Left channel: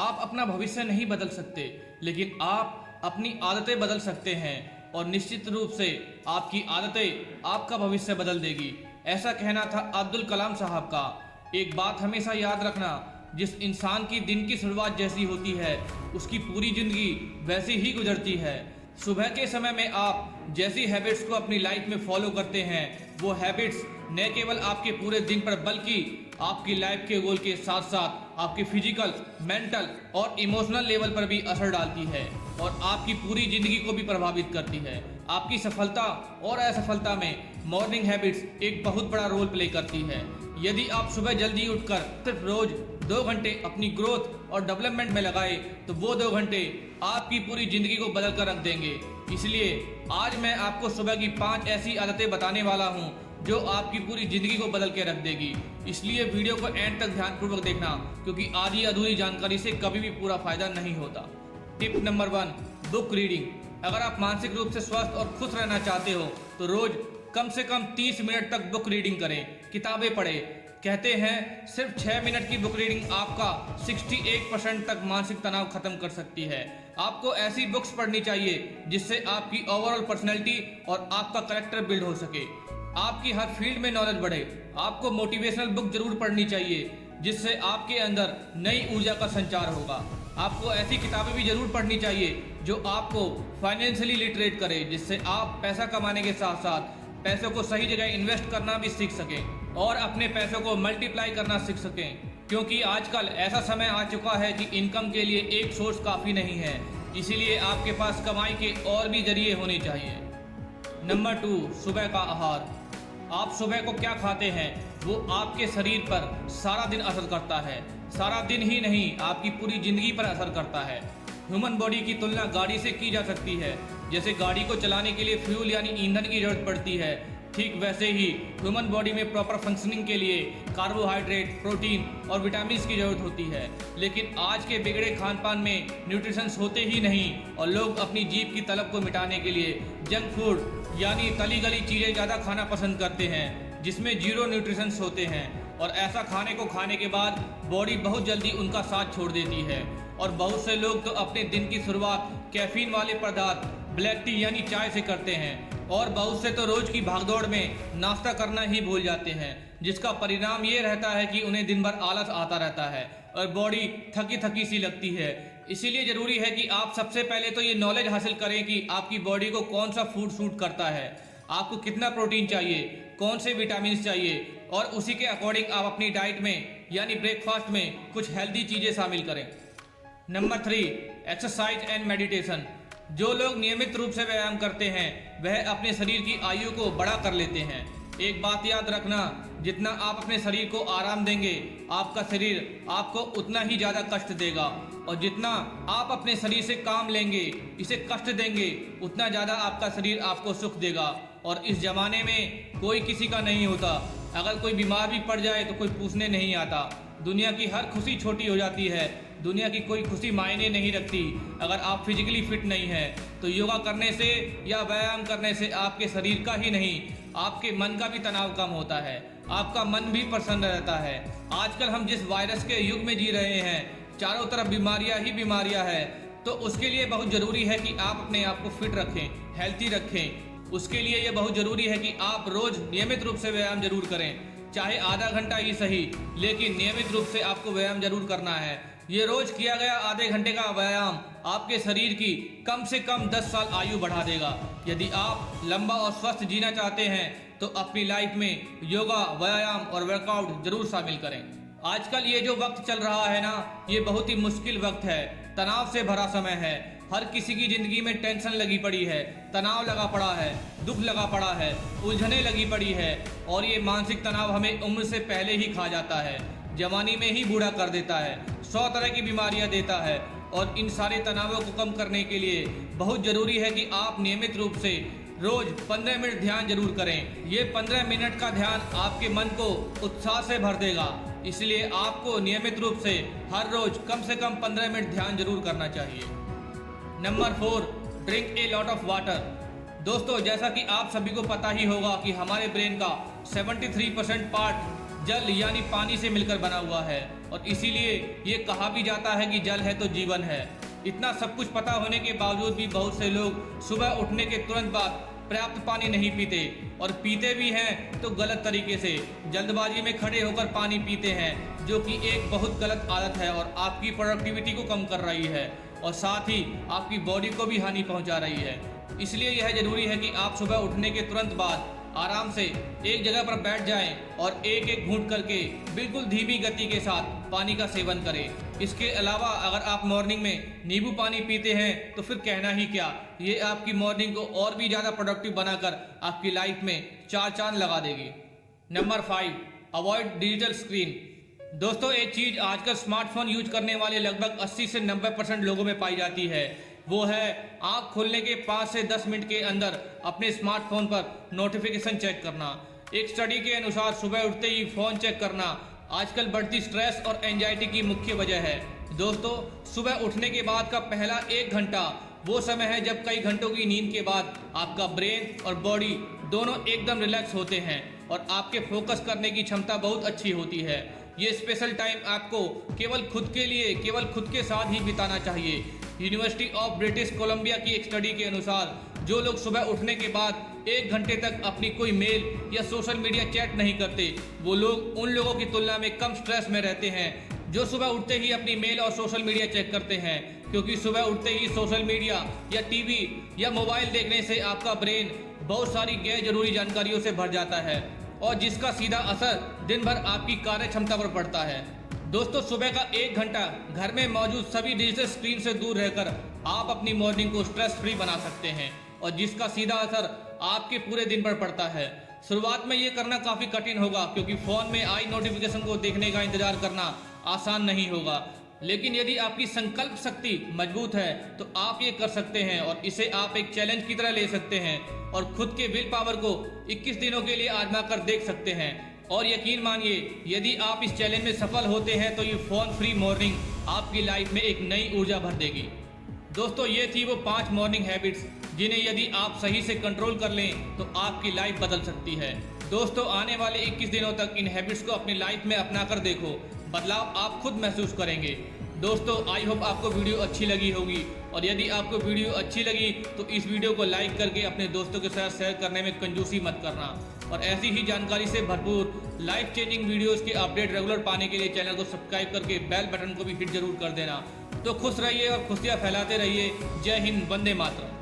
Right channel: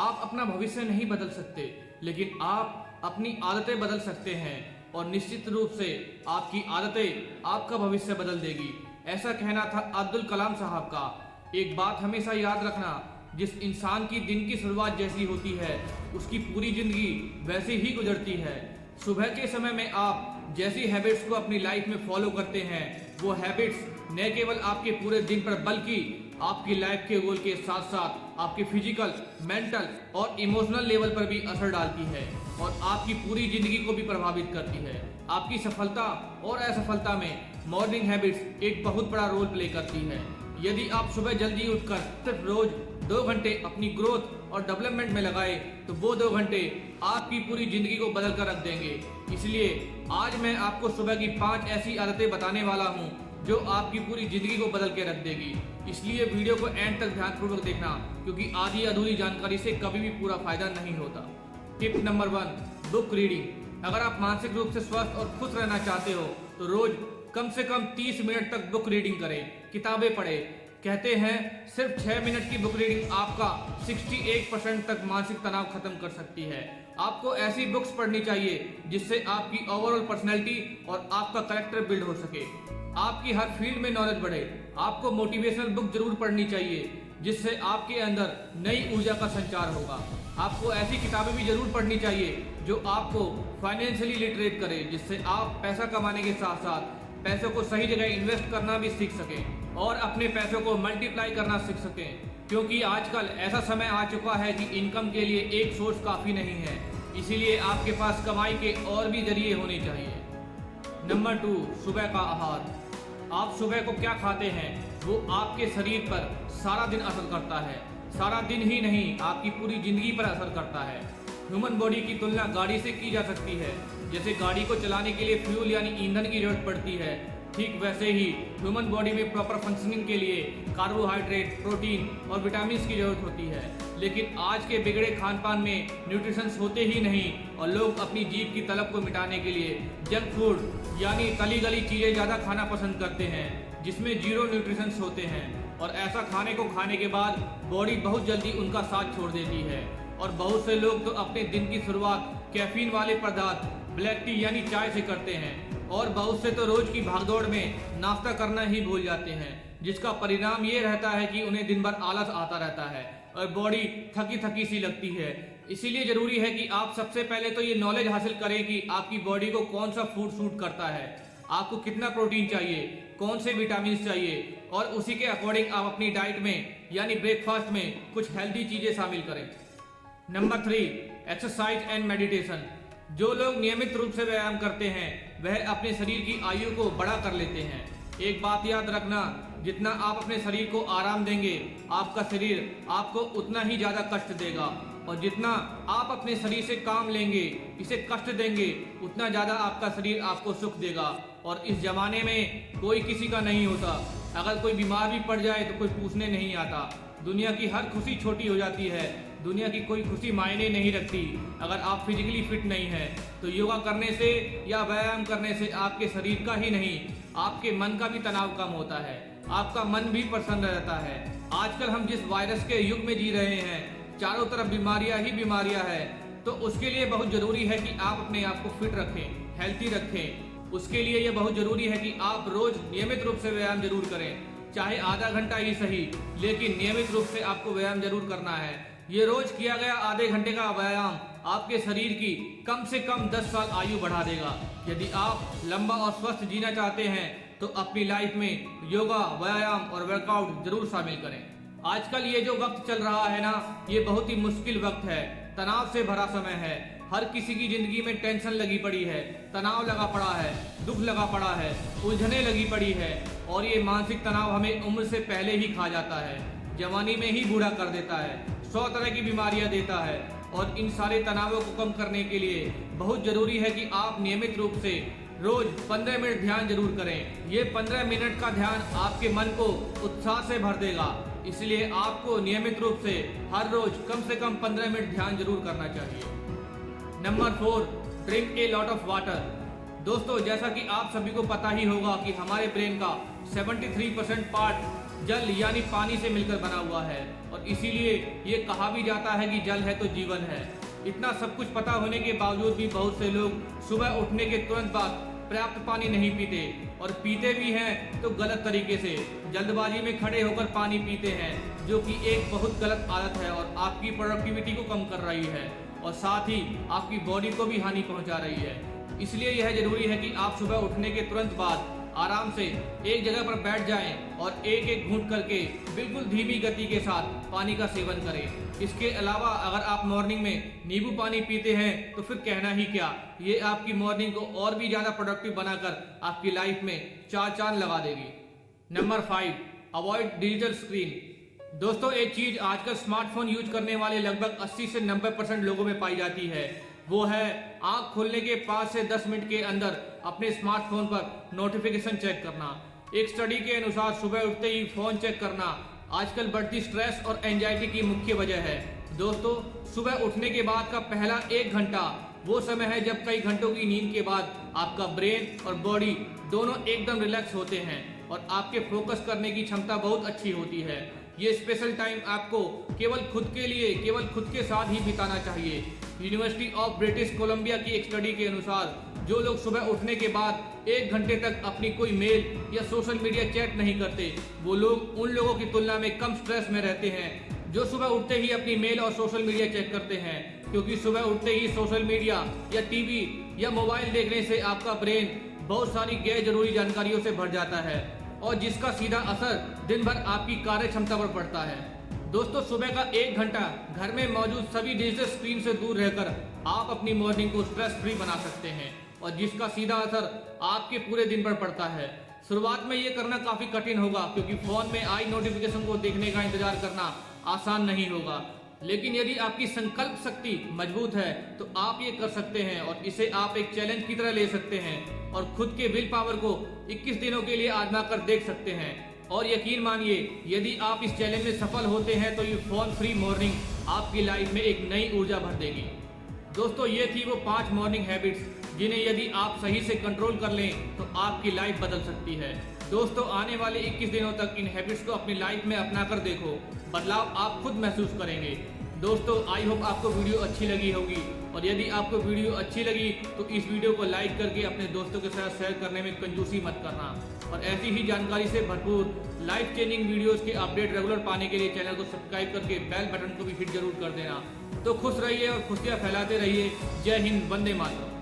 आप अपना भविष्य नहीं बदल सकते, लेकिन आप अपनी आदतें बदल सकते हैं और निश्चित रूप से आपकी आदतें आपका भविष्य बदल देगी। ऐसा कहना था अब्दुल कलाम साहब का। एक बात हमेशा याद रखना, जिस इंसान की दिन की शुरुआत जैसी होती है उसकी पूरी जिंदगी वैसे ही गुजरती है। सुबह के समय में आप जैसी हैबिट्स को अपनी लाइफ में फॉलो करते हैं, वो हैबिट्स न केवल आपके पूरे दिन पर बल्कि आपकी लाइफ के गोल के साथ साथ आपके फिजिकल, मेंटल और इमोशनल लेवल पर भी असर डालती है और आपकी पूरी जिंदगी को भी प्रभावित करती है। आपकी सफलता और असफलता में मॉर्निंग हैबिट्स एक बहुत बड़ा रोल प्ले करती है। यदि आप सुबह जल्दी उठकर सिर्फ रोज 2 घंटे अपनी ग्रोथ और डेवलपमेंट में लगाए तो वो 2 घंटे आपकी पूरी जिंदगी को बदल कर रख देंगे। इसलिए आज मैं आपको सुबह की 5 ऐसी आदतें बताने वाला हूँ जो आपकी पूरी जिंदगी को बदल के रख देगी। इसलिए वीडियो को एंड तक ध्यानपूर्वक देखना, क्योंकि आधी अधूरी जानकारी से कभी भी पूरा फायदा नहीं होता। Tip number 1, book reading. अगर आप मानसिक रूप से स्वस्थ और खुश रहना चाहते हो तो रोज कम से कम 30 मिनट तक बुक रीडिंग करें, किताबें पढ़ें। कहते हैं सिर्फ 6 मिनट की बुक रीडिंग आपका 61% तक मानसिक तनाव खत्म कर सकती है। आपको ऐसी बुक्स पढ़नी चाहिए जिससे आपकी ओवरऑल पर्सनैलिटी और आपका कैरेक्टर बिल्ड हो सके, आपकी हर फील्ड में नॉलेज बढ़े। आपको मोटिवेशनल बुक जरूर पढ़नी चाहिए जिससे आपके अंदर नई ऊर्जा का संचार होगा। आपको ऐसी किताबें भी जरूर पढ़नी चाहिए जो आपको फाइनेंशियली लिटरेट करे, जिससे आप पैसा कमाने के साथ साथ पैसों को सही जगह इन्वेस्ट करना भी सीख सकें और अपने पैसों को मल्टीप्लाई करना सीख सकें। क्योंकि आजकल ऐसा समय आ चुका है कि इनकम के लिए एक सोर्स काफ़ी नहीं है, इसीलिए आपके पास कमाई के और भी जरिए होने चाहिए। नंबर 2, सुबह का आहार। आप सुबह को क्या खाते हैं वो आपके शरीर पर सारा दिन असर करता है। सारा दिन ही नहीं, आपकी पूरी जिंदगी पर असर करता है। ह्यूमन बॉडी की तुलना गाड़ी से की जा सकती है। जैसे गाड़ी को चलाने के लिए फ्यूल यानी ईंधन की जरूरत पड़ती है, ठीक वैसे ही ह्यूमन बॉडी में प्रॉपर फंक्शनिंग के लिए कार्बोहाइड्रेट, प्रोटीन और विटामिन की जरूरत होती है। लेकिन आज के बिगड़े खान पान में न्यूट्रिशंस होते ही नहीं और लोग अपनी जीभ की तलब को मिटाने के लिए जंक फूड यानी तली गली चीज़ें ज़्यादा खाना पसंद करते हैं, जिसमें 0 न्यूट्रिशंस होते हैं। और ऐसा खाने को खाने के बाद बॉडी बहुत जल्दी उनका साथ छोड़ देती है और बहुत से लोग तो अपने दिन की शुरुआत कैफीन वाले पदार्थ ब्लैक टी यानी चाय से करते हैं और बहुत से तो रोज की भागदौड़ में नाश्ता करना ही भूल जाते हैं, जिसका परिणाम ये रहता है कि उन्हें दिन भर आलस आता रहता है और बॉडी थकी थकी सी लगती है। इसीलिए जरूरी है कि आप सबसे पहले तो ये नॉलेज हासिल करें कि आपकी बॉडी को कौन सा फूड सूट करता है, आपको कितना प्रोटीन चाहिए, कौन से विटामिन चाहिए और उसी के अकॉर्डिंग आप अपनी डाइट में यानी ब्रेकफास्ट में कुछ हेल्दी चीजें शामिल करें। Number 3, exercise and meditation. जो लोग नियमित रूप से व्यायाम करते हैं वह अपने शरीर की आयु को बड़ा कर लेते हैं। एक बात याद रखना, जितना आप अपने शरीर को आराम देंगे आपका शरीर आपको उतना ही ज्यादा कष्ट देगा और जितना आप अपने शरीर से काम लेंगे, इसे कष्ट देंगे, उतना ज्यादा आपका शरीर आपको सुख देगा। और इस जमाने में कोई किसी का नहीं होता। अगर कोई बीमार भी पड़ जाए तो कोई पूछने नहीं आता। दुनिया की हर खुशी छोटी हो जाती है, दुनिया की कोई खुशी मायने नहीं रखती। अगर आप फिजिकली फिट नहीं हैं तो योगा करने से या व्यायाम करने से आपके शरीर का ही नहीं आपके मन का भी तनाव कम होता है, आपका मन भी प्रसन्न रहता है। आजकल हम जिस वायरस के युग में जी रहे हैं, चारों तरफ बीमारियां ही बीमारियां हैं, तो उसके लिए बहुत जरूरी है कि आप अपने आप को फिट रखें, हेल्थी रखें। उसके लिए ये बहुत जरूरी है कि आप रोज नियमित रूप से व्यायाम जरूर करें, चाहे आधा घंटा ही सही, लेकिन नियमित रूप से आपको व्यायाम जरूर करना है। ये रोज किया गया आधे घंटे का व्यायाम आपके शरीर की कम से कम 10 साल आयु बढ़ा देगा। यदि आप लंबा और स्वस्थ जीना चाहते हैं तो अपनी लाइफ में योगा, व्यायाम और वर्कआउट जरूर शामिल करें। आजकल ये जो वक्त चल रहा है ना, ये बहुत ही मुश्किल वक्त है, तनाव से भरा समय है। हर किसी की जिंदगी में टेंशन लगी पड़ी है, तनाव लगा पड़ा है, दुख लगा पड़ा है, उलझने लगी पड़ी है और ये मानसिक तनाव हमें उम्र से पहले ही खा जाता है, जवानी में ही बूढ़ा कर देता है, 100 तरह की बीमारियां देता है। और इन सारे तनावों को कम करने के लिए बहुत जरूरी है कि आप नियमित रूप से रोज 15 मिनट ध्यान जरूर करें। ये 15 मिनट का ध्यान आपके मन को उत्साह से भर देगा, इसलिए आपको नियमित रूप से हर रोज कम से कम 15 मिनट ध्यान जरूर करना चाहिए। Number 4, drink a lot of water. दोस्तों, जैसा कि आप सभी को पता ही होगा कि हमारे ब्रेन का 73% पार्ट जल यानी पानी से मिलकर बना हुआ है और इसीलिए ये कहा भी जाता है कि जल है तो जीवन है। इतना सब कुछ पता होने के बावजूद भी बहुत से लोग सुबह उठने के तुरंत बाद पर्याप्त पानी नहीं पीते और पीते भी हैं तो गलत तरीके से, जल्दबाजी में खड़े होकर पानी पीते हैं, जो कि एक बहुत गलत आदत है और आपकी प्रोडक्टिविटी को कम कर रही है और साथ ही आपकी बॉडी को भी हानि पहुंचा रही है। इसलिए यह जरूरी है कि आप सुबह उठने के तुरंत बाद आराम से एक जगह पर बैठ जाएं और एक एक घूंट करके बिल्कुल धीमी गति के साथ पानी का सेवन करें। इसके अलावा अगर आप मॉर्निंग में नींबू पानी पीते हैं तो फिर कहना ही क्या, ये आपकी मॉर्निंग को और भी ज़्यादा प्रोडक्टिव बनाकर आपकी लाइफ में चार चांद लगा देगी। Number 5, avoid digital screen. दोस्तों, एक चीज़ आजकल स्मार्टफोन यूज करने वाले लगभग 80 से 90% लोगों में पाई जाती है, वो है आंख खोलने के 5 से 10 मिनट के अंदर अपने स्मार्टफोन पर नोटिफिकेशन चेक करना। एक स्टडी के अनुसार सुबह उठते ही फोन चेक करना आजकल बढ़ती स्ट्रेस और एंजाइटी की मुख्य वजह है। दोस्तों, सुबह उठने के बाद का पहला 1 घंटा वो समय है जब कई घंटों की नींद के बाद आपका ब्रेन और बॉडी दोनों एकदम रिलैक्स होते हैं और आपके फोकस करने की क्षमता बहुत अच्छी होती है। ये स्पेशल टाइम आपको केवल खुद के साथ ही बिताना चाहिए। यूनिवर्सिटी ऑफ ब्रिटिश कोलंबिया की एक स्टडी के अनुसार जो लोग सुबह उठने के बाद 1 घंटे तक अपनी कोई मेल या सोशल मीडिया चैट नहीं करते, वो लोग उन लोगों की तुलना में कम स्ट्रेस में रहते हैं जो सुबह उठते ही अपनी मेल और सोशल मीडिया चेक करते हैं। क्योंकि सुबह उठते ही सोशल मीडिया या टीवी या मोबाइल देखने से आपका ब्रेन बहुत सारी गैर जरूरी जानकारियों से भर जाता है और जिसका सीधा असर दिन भर आपकी कार्य क्षमता पर पड़ता है। दोस्तों, सुबह का 1 घंटा घर में मौजूद सभी डिजिटल स्क्रीन से दूर रहकर आप अपनी मॉर्निंग को स्ट्रेस फ्री बना सकते हैं और जिसका सीधा असर आपके पूरे दिन पर पड़ता है। शुरुआत में ये करना काफ़ी कठिन होगा क्योंकि फ़ोन में आई नोटिफिकेशन को देखने का इंतजार करना आसान नहीं होगा, लेकिन यदि आपकी संकल्प शक्ति मजबूत है तो आप ये कर सकते हैं और इसे आप एक चैलेंज की तरह ले सकते हैं और खुद के विल पावर को 21 दिनों के लिए आजमा कर देख सकते हैं। और यकीन मानिए, यदि आप इस चैलेंज में सफल होते हैं तो ये फोन फ्री मॉर्निंग आपकी लाइफ में एक नई ऊर्जा भर देगी। दोस्तों, ये थी वो 5 मॉर्निंग हैबिट्स जिन्हें यदि आप सही से कंट्रोल कर लें तो आपकी लाइफ बदल सकती है। दोस्तों, आने वाले 21 दिनों तक इन हैबिट्स को अपनी लाइफ में अपना कर देखो, बदलाव आप खुद महसूस करेंगे। दोस्तों, आई होप आपको वीडियो अच्छी लगी होगी और यदि आपको वीडियो अच्छी लगी तो इस वीडियो को लाइक करके अपने दोस्तों के साथ शेयर करने में कंजूसी मत करना और ऐसी ही जानकारी से भरपूर लाइफ चेंजिंग वीडियोस के अपडेट रेगुलर पाने के लिए चैनल को सब्सक्राइब करके बेल बटन को भी हिट जरूर कर देना। तो खुश रहिए और खुशियाँ फैलाते रहिए। जय हिंद, वंदे मातरम।